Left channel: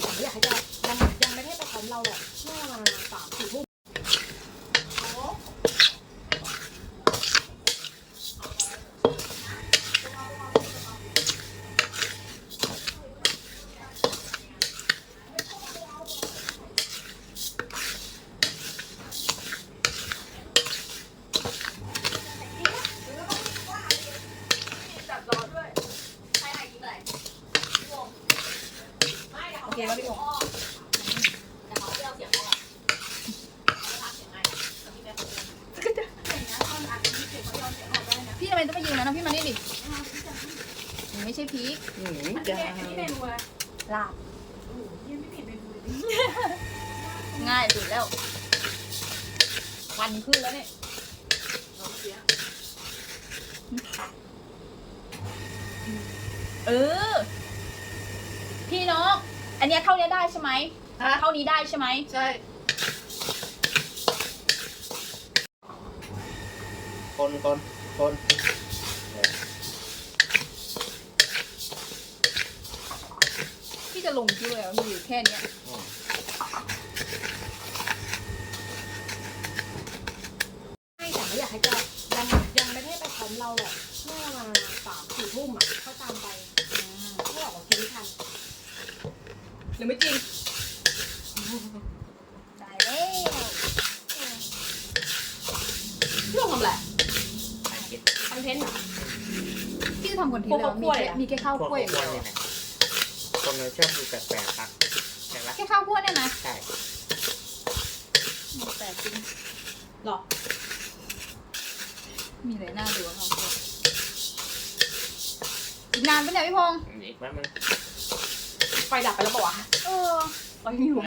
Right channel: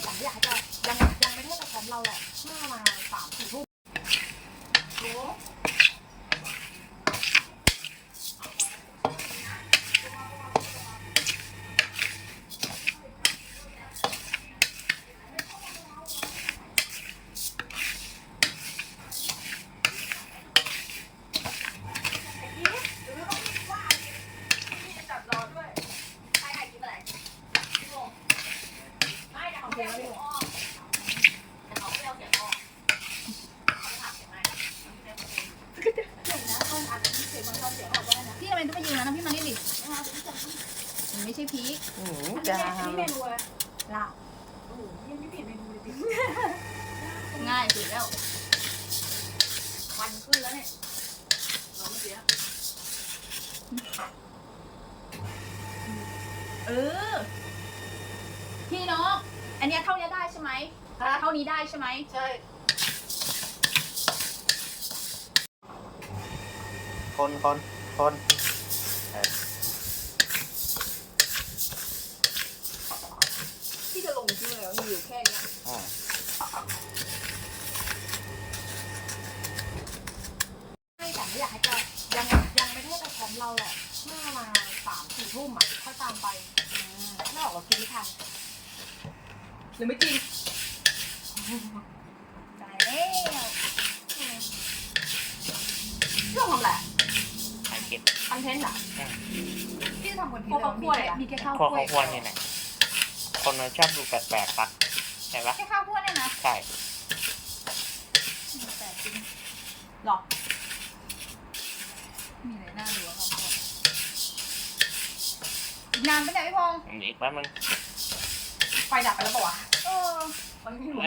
แต่ไม่อยากให้จะยังยังไม่ได้ไปพร้อมเราแหละเมื่อประมาณสามสี่ทุ่ม โอเคแล้ว พี่โอพี่ทำไมต้องไปยืนนะน้องพี่มานี่ดิมันไม่ใช่พริกอืมจามลาบง่ายสุดแล้วควันขึ้นแล้วเนี่ยเออ พี่น้อง อันเนี้ยเท่านี้ได้ใช่ไหมฮะ เท่านี้ได้ใช่ไหมใช่คนคนคนเออพี่จะลงที่เลยเหรอมีอยู่แค่เนี้ยอืมไม่แต่ไม่อยากให้จะยังยังไม่ได้ไปพร้อมเราหรอกเมื่อประมาณสามสี่ทุ่มอะค่อยตามไปเพื่อออกมาซื้อทัน ห รือไม่จริงได้เลยเรื่องทำอะไรถ่ายคลิปคอนเทนต์อะพี่จะทำคนที่พวกข้าวคั่วเลยเหรอมีแค่ข้าวพวกคั่วเขาควรเนี่ยนะคนมันชอบดูแปลกๆปะใช่ปะแค่ข้าวคั่วเนี่ยนะใช่แต่จริงหรอ มีอะไรน่าดูกว่าข้าวคั่วอีกนานไหมเนี่ยพี่พงษ์อีกแป๊บนึง ไฟดับไปแล้วบอกว่าวะเออเราไม่รู้